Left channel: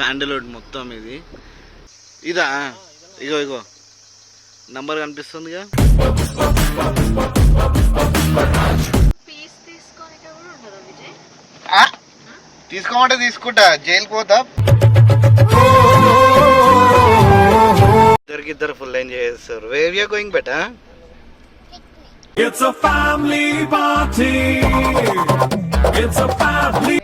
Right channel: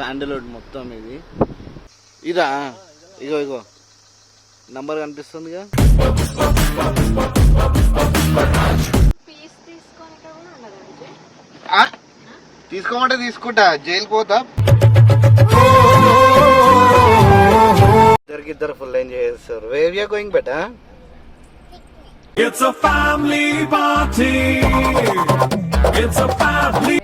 Sandalwood మొత్తం ఇది. ఇదా? ఇగో ఇగో నంబర్ కనిపిస్తుందిగా. తీసుకోమంటే తీసుకుంటా, జైలుకి పోతా. ఇద్దరు ఫుల్ ఎంజాయ్ చేస్తారు. Where you going beta? It's a family party. It's a family.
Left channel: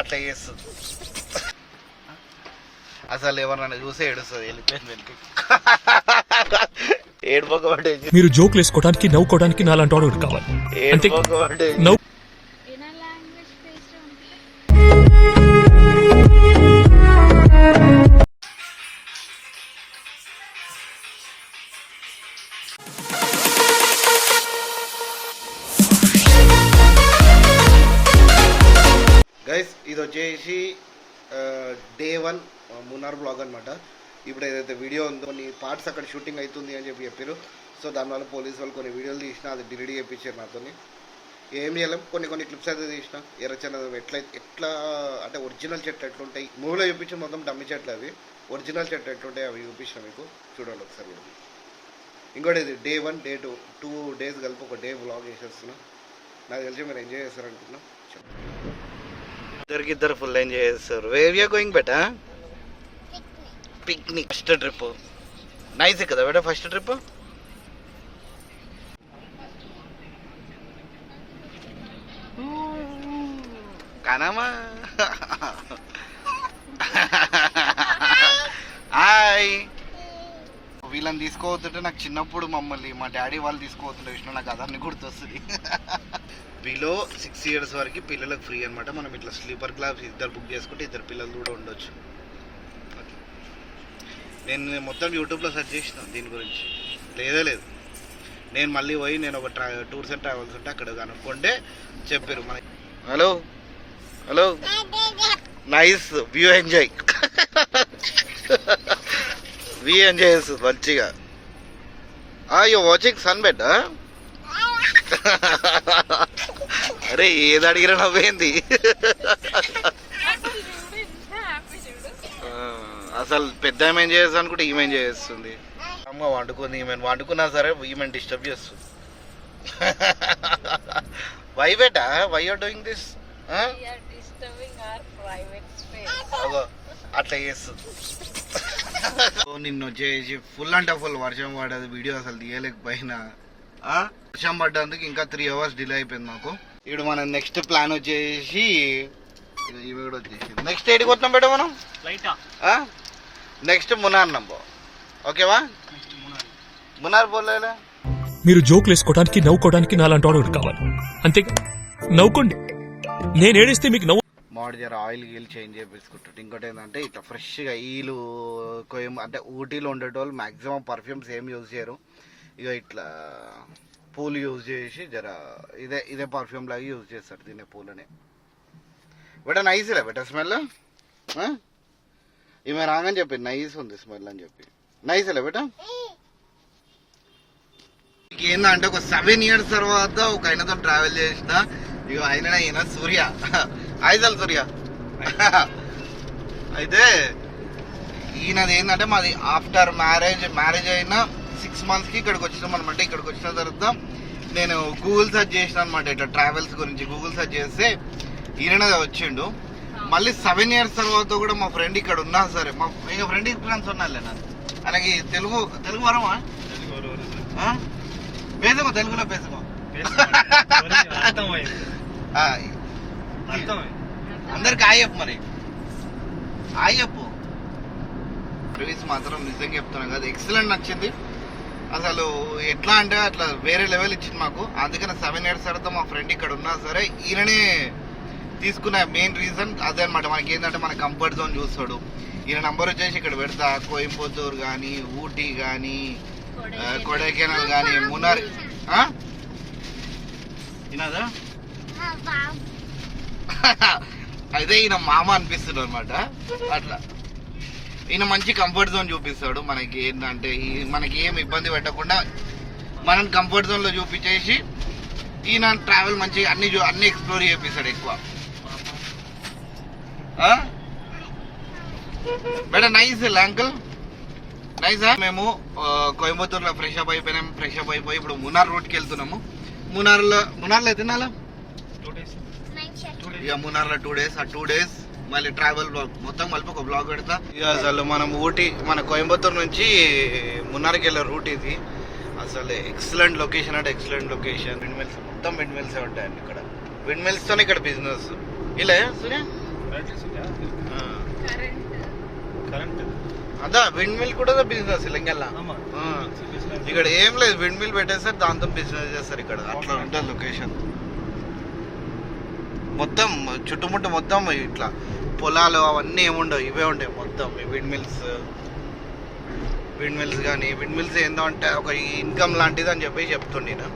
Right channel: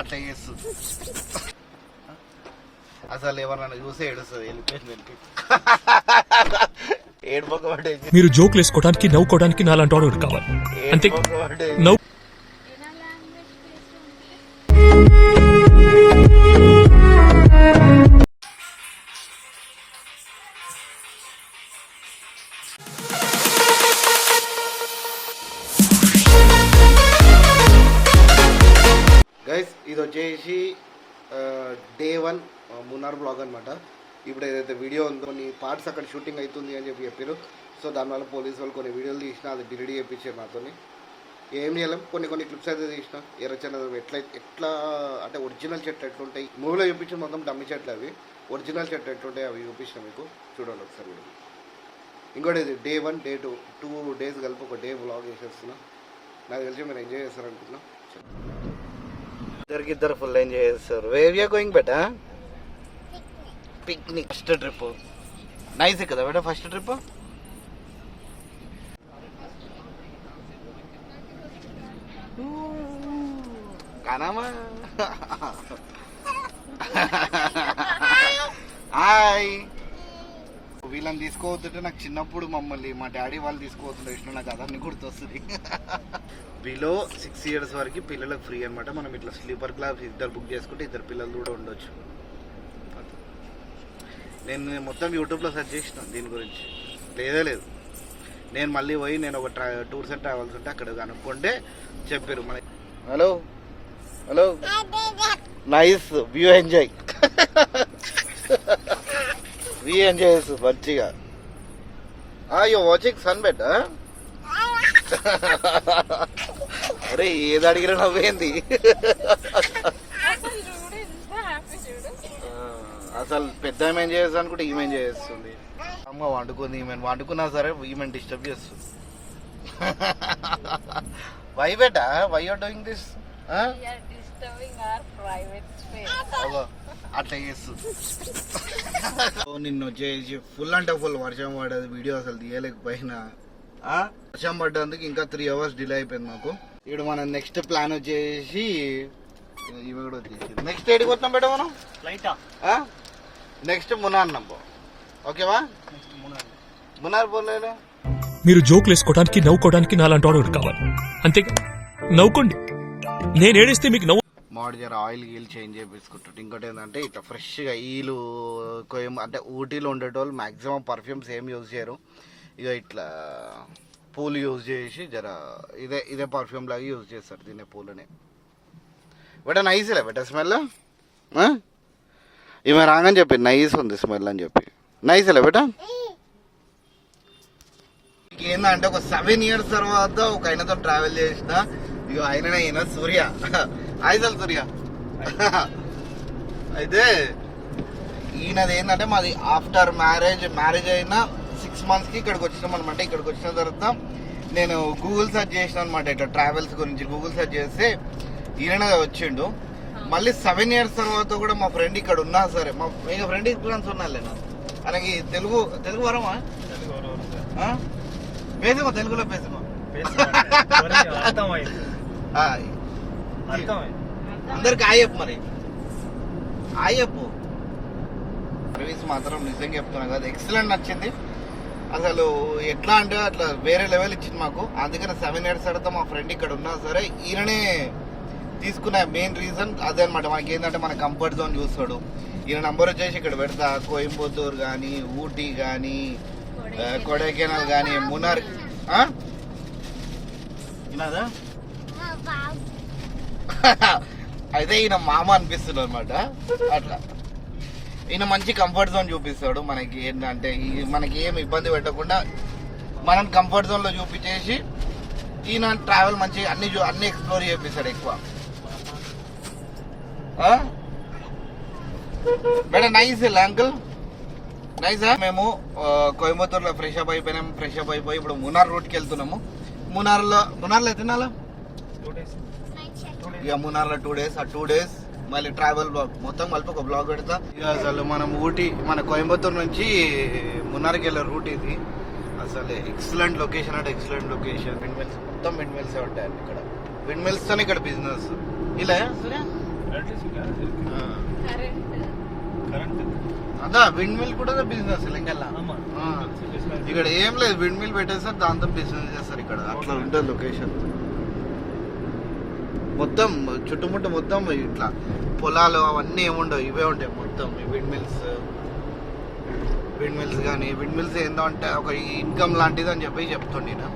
అట్లా చేస్తుంది. అసలు ఎవరన్నా చూసే ఏడుస్తుంది. వెళ్ళిపోయింది వెళ్తే ఏడుపోకబట్టే. మీరు జోకులు వేసుకోవడానికి నవ్వుకోవడానికి నాలాంటి వాడు కావాలి అంతే. నవ్వు గైస్, ఇది వచ్చేసి డే 1 మున్నార్ బ్లాగ్ అనమాట. ఇప్పుడు ఏదైతే వీడియో ఉందో కొన్ని పార్ట్స్ అక్కడ షూటింగ్ అవుతుంది అని చెప్పారు. సో దానివల్ల పోలీసు వాళ్ళు కొన్ని వీడియోలు తీసిన, అది డిలీట్ చేయించారు నాతో. ఏం చేయలేం, కొన్ని క్లిప్స్ అయితే తీసిన. ఎర్రచందనం ఎట్లా అంటే ఒరిజినల్ చెట్లు ఎట్లుంటాయి, మూవీలో చూపించిన మొత్తం డమ్మి చెట్లు, అవి ఒరిజినల్ చెట్లు ఎట్లుంటాయి అవి చూపించిన మీకు. చూడండి ఒకసారి కూడా. ఇంకోటి ఇది డే 1 డే 2 2 డేస్ కలిపి ఒక డే వ్లాగ్ చేసేస్తున్నా. నాకు తెలిసి మీరు ఎంజాయ్ చేస్తారనుకుంటున్నా. ఇద్దరు ఫుల్ ఎంజాయ్ చేస్తారు. వేర్ యూ గోయింగ్ బెటా? పిక్నిక్. ఫస్ట్ ట్రిప్ నైస్ కదా బేటా? ఫస్ట్ ట్రిప్ కానామా. హాయ్. వీళ్ళని తీసుకోవద్దంటే నాకు చిన్నప్పుడు మమ్మల్ని మా డాడీ వాళ్ళు తీసుకోవద్తుంటే ఇష్టం. నాకు అదన్నీ గుర్తొస్తుంది. బిలో 6 years వరకు పిల్లలకు ఫ్రీ అనమాట. మనం ఇట్లా స్లీపర్ క్లాస్ ఇద్దరు బుక్ చేసుకుంటే ఇద్దరు పిల్లలు కూడా ఉండొచ్చు. నేను మొత్తం యూట్యూబ్లో సెర్చ్ చేసిన దీని గురించి, లేదు. నేను మళ్ళీ పోయి నేను ఒక టూర్స్ అండ్ ట్రావెల్స్ ఉంటే అక్కడ కనుక్కుంటే చెప్పారు మనకి. Hello nice view enjoy. View enjoy చేస్తుంది మంచిగా. You watching sun bed? అరే ఏది అడిగినా నవ్వేంది. అసలు పెద్ద ఏమేం చేస్తా అనుకుంటే ఈమె చేస్తుంది. అమ్మ వండుకుంది, ఈమె వండుకున్నా సరే ఈమె డిస్టర్బ్ చేస్తుంది. Why beta, why are doing this? అట్లా చేస్తుంది. నిన్న వచ్చేసి ఫుల్ అంటే ఫుల్ వర్షం పడదు. వీడియో అసలు తీయలేకపోయినా. వర్షం పడ్డందుకు ఇంకా 3 hours డిలే అయిపోయింది మాకు. ఇప్పుడు మన నెక్స్ట్ ప్లాన్ వచ్చేసి ఇవి కూడా వచ్చేసి నెక్స్ట్ ఏడికి వస్తాం బేట మనం? నెక్స్ట్ మునార్ నంబో. ఓకేవా? మునార్ పోలేదా? మీరు జోకులు వేసుకోవడానికి నవ్వుకోవడానికి నాలాంటి వాడు కావాలి అంతే. నవ్వుకోండి. నేను ఏడిస్తే మీకు నవ్వు. మామిడి జర ఆయిల్ గీల్ చేంజ్ చేపించుకుంటుంటే. ఇంకోటి ఏంటంటే ఇట్లా ఫ్రెష్గా వీళ్ళు అంటే ఊటీలో ఉండేటోళ్ళు మ్యాక్సిమం పర్ఫ్యూమ్స్ ఏం యూజ్ చేయరు. ఇక ఇట్లా పూలు యూజ్ చేసి జర ఇదే పర్ఫ్యూమ్ లాగా యూజ్ చేస్తారు దీన్ని, పూలని. బట్ నైస్లే బెట స్మెల్. ఈమె రాగానే చెప్పి నైస్ ఉంది స్మెల్ అని చెప్పి. నైస్లే బెట. ఏంటంటే ఒక 7 years తర్వాత ఒక ఆయనతో ట్రావెల్ చేసిన. ఇక ఆయన సూర్య. ఐజల్ సూర్య. అయితే ఈయనది ఏంటంటే మాది ఆఫ్టర్ మ్యారేజ్ అయిన 6 months ఇక్కడికి వచ్చినాం అనమాట. ఇక్కడికి వచ్చిన తర్వాత నేను గూగుల్ సెర్చ్ చేసిన అనమాట ఇట్లా ట్రావెల్స్ గురించి. గూగుల్ సెర్చ్ చేస్తే ఈయనదే వచ్చిండు. మళ్ళీ 7 years తర్వాత కూడా మా ఫ్రెండ్ ఇక్కడ ఉన్నా సరే, మా ఫ్రెండ్ ఫ్రెండ్స్ ఉన్నాలే నా అలాగే తెలుగు వరమా పేసమో, తెలుగులో పేసమో. అందరికి ఆయప్పు, మరి ఆయప్పు. సర్వీస్ మాత్రం నిజంగా చెప్తున్నా కదా, ఎక్సలెంట్ నచ్చింది. అసలు ఎట్లా అంటే అట్లా వేరే లెవెల్ ఇచ్చింది మాకు. అందుకని 7 years తర్వాత మా ఫ్రెండ్ ఇక్కడ ఉన్నా సరే ఈయననే తీసుకున్న మెయిన్ రీజన్ అదే అనమాట. మనకి ఏంటంటే మన కంఫర్ట్ జోన్ చూస్తాడు. ఈయన నంబర్ వచ్చేసి ఇక్కడ పెడతా. కోయంబత్తూర్ కానీ, ఊటీ కానీ, కొడైకెనాల్ కానీ, మునార్. వినాదా? అయితే ఈయన మామ అనిపిస్తుంది అనమాట. అట్లా ఈయన మంచి కంఫర్ట్ జోన్ చూపిస్తాడు మనకి. ఏంటంటే మనకి ఏం ఇబ్బంది పెట్టకుండా మనం కంఫర్ట్ జోన్లో చూపించేసి ఈయన ట్రావెల్ మంచిగా అన్ని ఎక్స్ప్లోర్ చేపిస్తాడు ఎక్కువ. But nice uncle nice. మేము కోయంబత్తూర్లో ఫ్రెష్ అప్ అయిపోయినాం. ఫ్రెష్ అప్ అయిపోయి ఇప్పుడు మునార్ రోడ్కి వెళ్తున్నాము. మునార్లో తినాలా ఇక మునార్లో 2 days. ఆ 2 days మళ్ళీ ట్రావెల్ బ్లాగ్ మొత్తం కలిపి ఒక బ్లాగ్ పెడతా. ఇక అసలు మనం ఊటీ మన కోయంబత్తూర్ నుంచి మున్నార్కి వెళ్ళే రూట్ ఇది. అసలు ఎక్సలెంట్ లొకేషన్ అంటే ఎక్సలెంట్ లొకేషన్. విండ్ మిల్స్ మొత్తం విండ్ మిల్స్ ఉంటాయండి ఇక్కడ. విండ్ మిల్స్ తోనే ఇక్కడ బిజినెస్ ఇలా సూర్య అదా విండ్ మిల్ కూడా బిజినెస్ ఇలా ఇక్కడ ఏం లేదు. విండ్ మిల్ పెట్టేస్తారు దాంతో బిజినెస్ చేస్తారు ఇక్కడ. అట్లా ఉంటుంది లొకేషన్. మొత్తం చుట్టుముట్టు మొత్తం ఇట్లా పొలాలు అవన్నీ ఏముండవు, ఇవే ఉంటాయి మొత్తం. విండ్ మిల్స్ కానీ విండ్ మిల్స్ ఏందో అంటే ఒక ఇన్కమ్ లాంటిది అని చెప్పి చెప్తుండే నేను.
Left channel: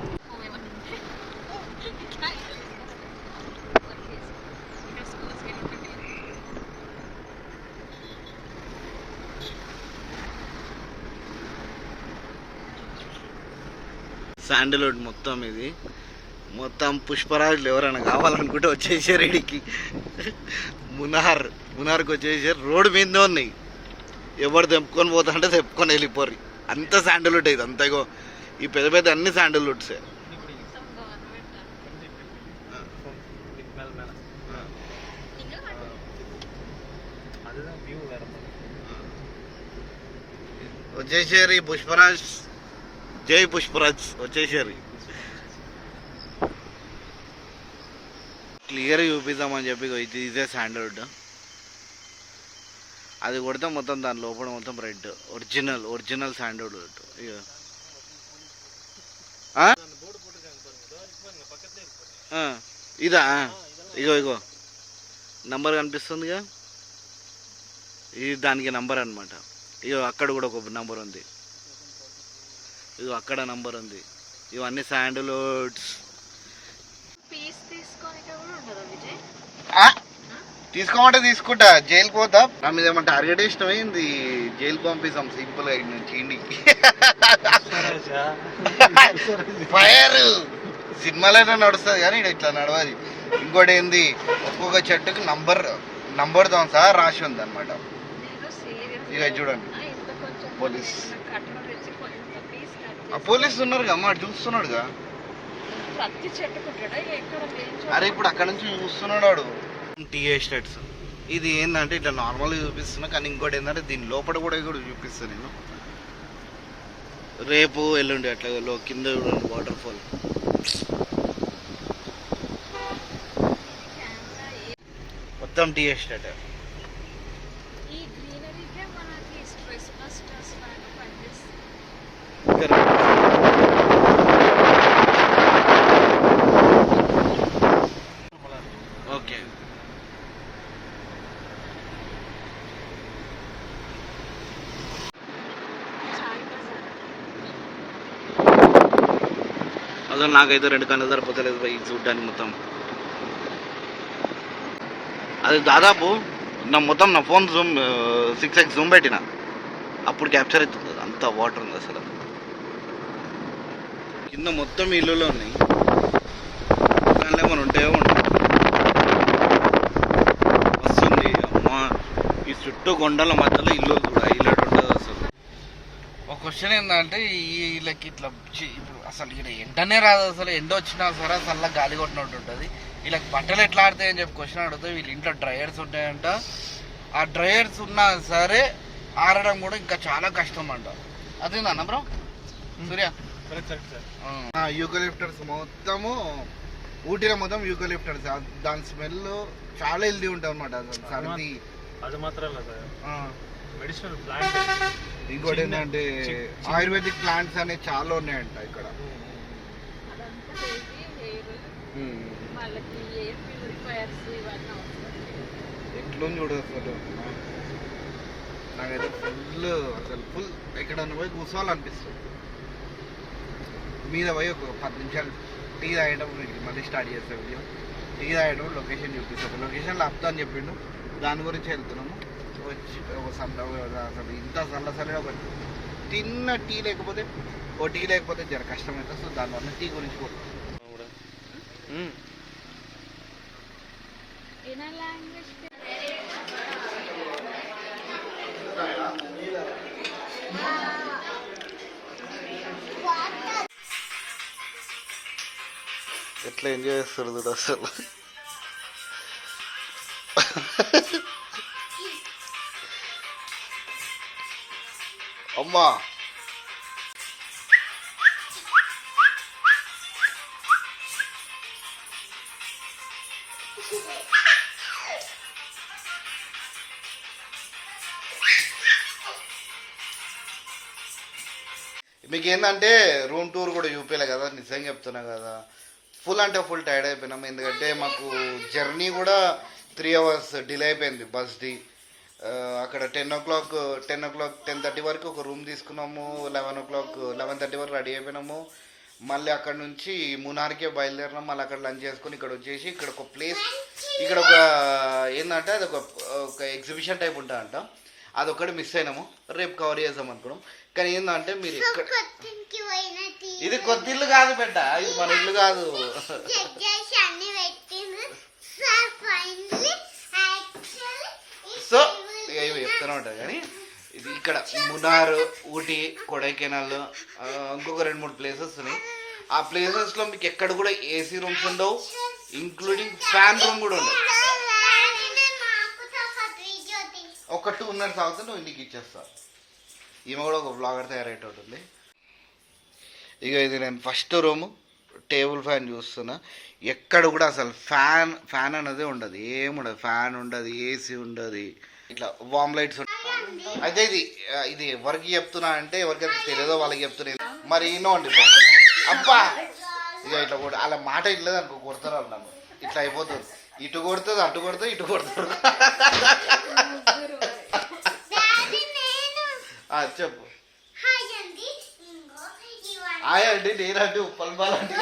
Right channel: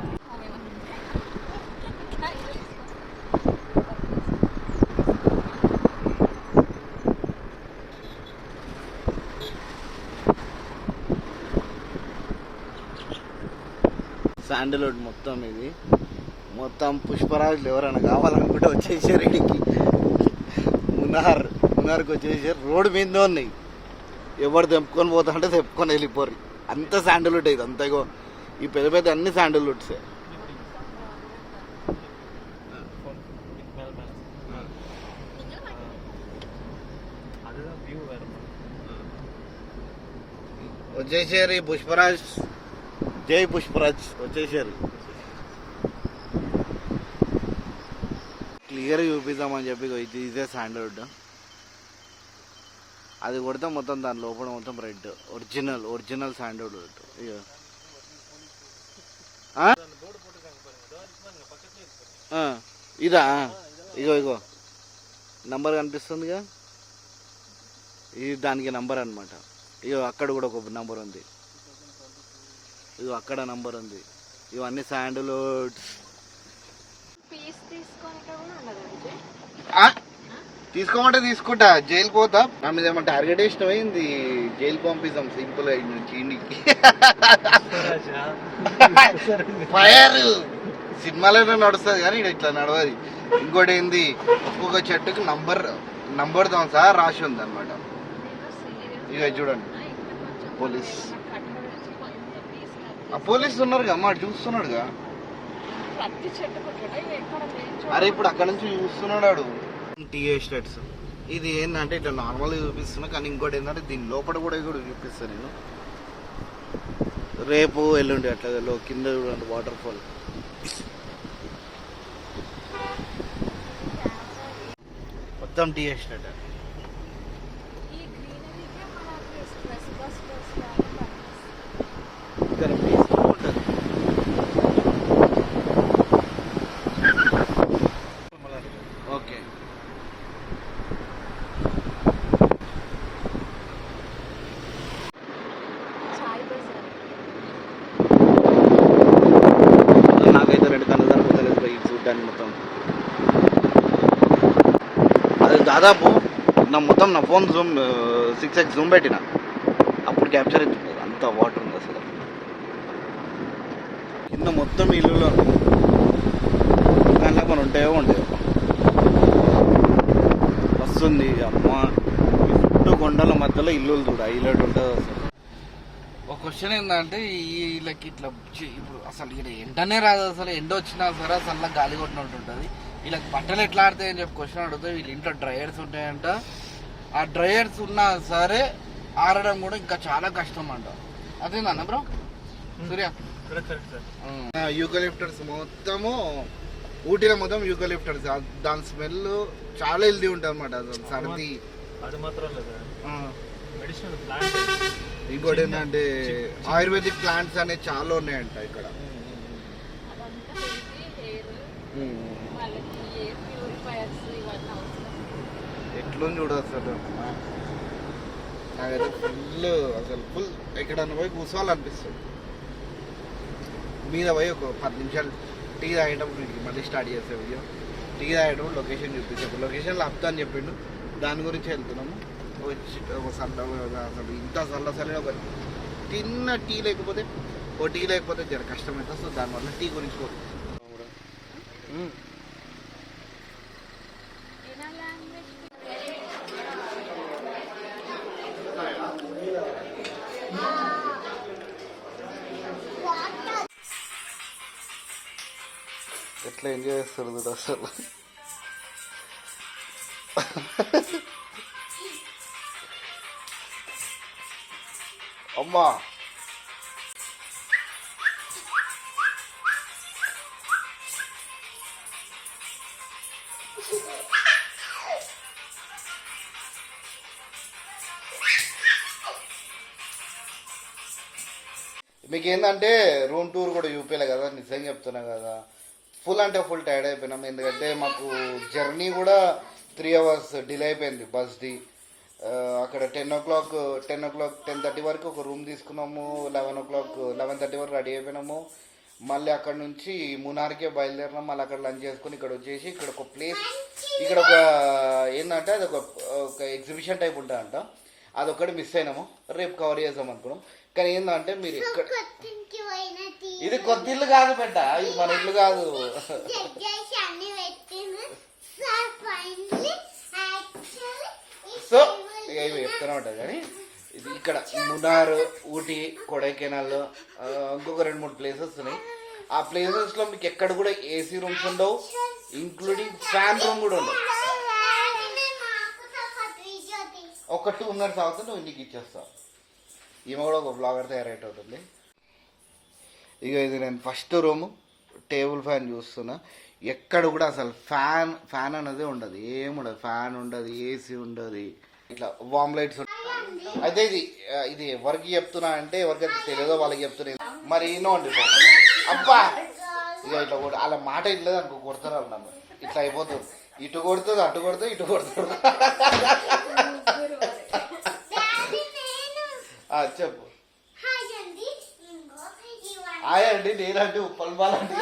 శాండల్వుడ్ మొత్తం ఇది మొత్తం పుష్పరాజులు ఎవరైనా కావాలనుకుంటే వచ్చేసారు ఇడికి. మునార్కి వచ్చేసారు. రోడ్డు మీద ఉన్నాయి. ఎవరు తెంపుకొని పోతా అంటే తెంపుకొని వెళ్ళిపోరు. అంత శాండల్వుడ్ ఇది అంతా. ఈ పెద్ద పెద్ద అన్ని శాండల్వుడ్సే. వచ్చేసారు ఈ పుష్పరాజ్. జై పుష్పరాజ్ వచ్చేసారు. క్లియర్ చూపిద్దామని చెప్పి ఇదే శాండల్వుడ్. అది కొడితే మొత్తం దాని లోపల మొత్తం రెడ్. Original sandalwood. ఇదా ఇగో నంబర్ కనిపిస్తుందిగా. ఇది దానికి నంబర్ అనమాట. ఇగో అక్కడ కూడా ఒక నంబర్ ఉంది. ఇగో అక్కడ నంబర్ ఉంది. ఇవన్నీ శాండల్వుడ్స్. తీసుకోమంటే తీసుకుంటా. జైలుకి పోతా. నా మీద ఏమంటే టార్గెట్ ఇష్టమైంది. జైలు పంపిస్తాం సింపుల్ గా నుంచి ఇంటికి. ఫైర్ సినిమాలోనే నడుస్తుంది కానీ ఇట్లా నడవది. ఇంకోటి ఏంది, ఒక్కొక్క చెట్టుకి నంబర్ తో సహా రాసి ఉంది అనమాట. ఇక చూడండి పోలీసు ఉన్నారుగా అమ్మ, చూస్తున్నాడుగా. అరే ఇప్పుడు అక్కడ నుంచి చూస్తున్నాడు. టీ ఎస్టేట్స్ ఇది ఏంటంటే ఇట్లా నార్మల్గా చూపిస్తున్నా, కానీ ఇంకోటి ఏంటంటే దీని లోపల కూడా చూపిస్తాను నేను. రేపు ఎల్లుండి అట్లా కింద చూడండి వాటర్ ఫాల్. మొత్తం టీ ఎస్టేట్. ఓకే నాకైతే 2 కళ్ళు సరిపోతలేదు ఇది చూడ్డానికి మొత్తం. అది దాదాపు నా ఫోన్ జూమ్ 6x జూమ్ పెట్టిన అప్పుడు క్యాప్చర్ అవుతుంది. అంత వాటర్ ఉంది అసలు. కింద మొత్తం ఇల్లులో ఉంది. దానిలో మనం ఉంటాయో ఉంటాయి. వస్తుంది అమ్మ. ఈ చుట్టూ కొండల మధ్యలో ఇల్లు కూడా హైలైట్ ఉంటుంది అసలు. ఒక క్వశ్చన్ ఏంటంటే వీళ్ళకి ఇట్లా ఇప్పుడు అసలు ఇక్కడ ఎండనే రాదు. అసలు ఎండ వచ్చినా సరే అసలు గాలి కొట్టినట్టు ఉంటుంది. వీళ్ళకి బట్టలు ఎట్లా ఆడతాయని చెప్పి క్వశ్చన్ అడుగుతాయి. వీళ్ళ ఇంట్లో డ్రయర్స్ ఉంటాయంట. ఆ డ్రయర్స్ ఉన్నా సరే ఆరడం కూడా ఇంకా చాలా కష్టం అంట. అదేనా బ్రో సూర్య? యూకలిప్టర్స్ మొత్తము ఊటీలో మొత్తం యూకలిప్టర్స్. దాని స్మెల్ చాలా హెల్దీ ఉంటుంది అనమాట. అసలు సర్ది. ఇంకోటి ఏంటంటే ఆయుర్వేదిక్ ప్లాంట్స్ అనేవి చాలా ఉన్నాయంట ఇక్కడ. ఎట్లుంది చూడు అసలు. నాకైతే ఫుల్ ఎక్కడన్నా పోయి కూర్చోవాలనిపిస్తుంది. మీద పోయి ఒక 10 నిమిషాలు టీ తాగేటప్పుడు మళ్ళీ స్టార్ట్ చేసే వీడియో. టీ తాగేటప్పుడు లొకేషన్ చూపిస్తాం. లొకేషన్లో ఆపుతా అని చెప్పిండు. దాని గురించి వెళ్తున్నాము. వచ్చి ఒక అసలు ఇంత చల్లసలే ఒక చిన్న టీ లేకపోతే జర కష్టమవుతుంది. సో దానివల్ల టీ గురించి పోతుంది. ఎట్లా ఎంజాయ్ చేస్తారు చూడు అసలు. అమ్మా మీకు ఏంటంటే రూమ్ టూర్ కూడా చూపించలే కదా, నిజంగా చెప్తున్నా కదా. ఫుల్ అంటే ఫుల్ టైర్డ్ అయిపోయినాం, ఎందుకంటే మాకు జర్నీ కూడా 3 hours డిలే అయిపోయింది బస్ది. అక్కడ 10:30 వరకు ఒక రూమ్ తీసుకున్నాము. 11:30 వరకు రెడీ అయిపోయినాము. మళ్ళీ అక్కడ నుంచి మునార్కే బయలుదేరినాం. మళ్ళీ అక్కడ లంచ్ చేసుకొని ఇక్కడ వచ్చేసి ఇక్కడ ఒక ప్లేస్, ఇక్కడ ఒక ఏంటంటే అది ఒక ఎగ్జిబిషన్ టైప్ ఉంటుందంట, అదొక్కటి మిస్ అయినాము. రేపు కవర్ చేద్దాం అనుకున్నాం. కానీ ఏంటంటే మీరు ఇక్కడ ఇది కొత్త ఇల్లు కాదు బిడ్డ, ఇది మన ఇల్లు కాదు. సో ఇక ఇవి చెప్తూనే ఉంటుంది. కానీ ఇది ఇక్కడ మునార్, ఊటీ, కొడైకెనాల్, ఇంకొక 2-3 ప్లేసెస్ ఉన్నాయి. ఆ ప్లేసెస్లో మీకు ఎక్కడ కూడా ఏసీ రూమ్స్ ఉండవు, ఇంక్లూడింగ్ ఫ్యాన్ రూమ్ కూడా ఉండవు. ఒక 2 minutes అవుతుంది, నువ్వు ఇంటికి ఇచ్చేస్తా. ఈమె కూడా ఒక బ్లాగర్ తయారయ్యేటట్టుంది. ఇక ఇది నేను ఫస్ట్ రూము, టేబుల్ ఫ్యాన్ చూస్తున్నా. ఎక్కడ కూడా అసలు ఫ్యాన్ అనేది ఉండదు, ఏముండదు. ఫ్యాన్ ఉండదు, ఏసీ ఉండదు, ఇట్లా వామ్ లైట్స్ ఉండదు. అయితే ఇది ఎవరికి చెప్తున్నా అంటే ఎవరికైతే తెలియదో వాళ్ళకి చెప్తున్నా. మరి ఈనో అండి అబ్బా, ఇక ఇట్లా కూడా అలా మాట ఇట్లేదు అనుకో, కొడతారు వాళ్ళు నన్ను. ఇట్లా అయిపోతుంది, ఇటు కొడుతుంది, అటు కొడుతుంది, ఇటు కొడుతుంది. చెప్పు. హాయ్ అండి, నేనండి ఉప్పల్ బాలండి.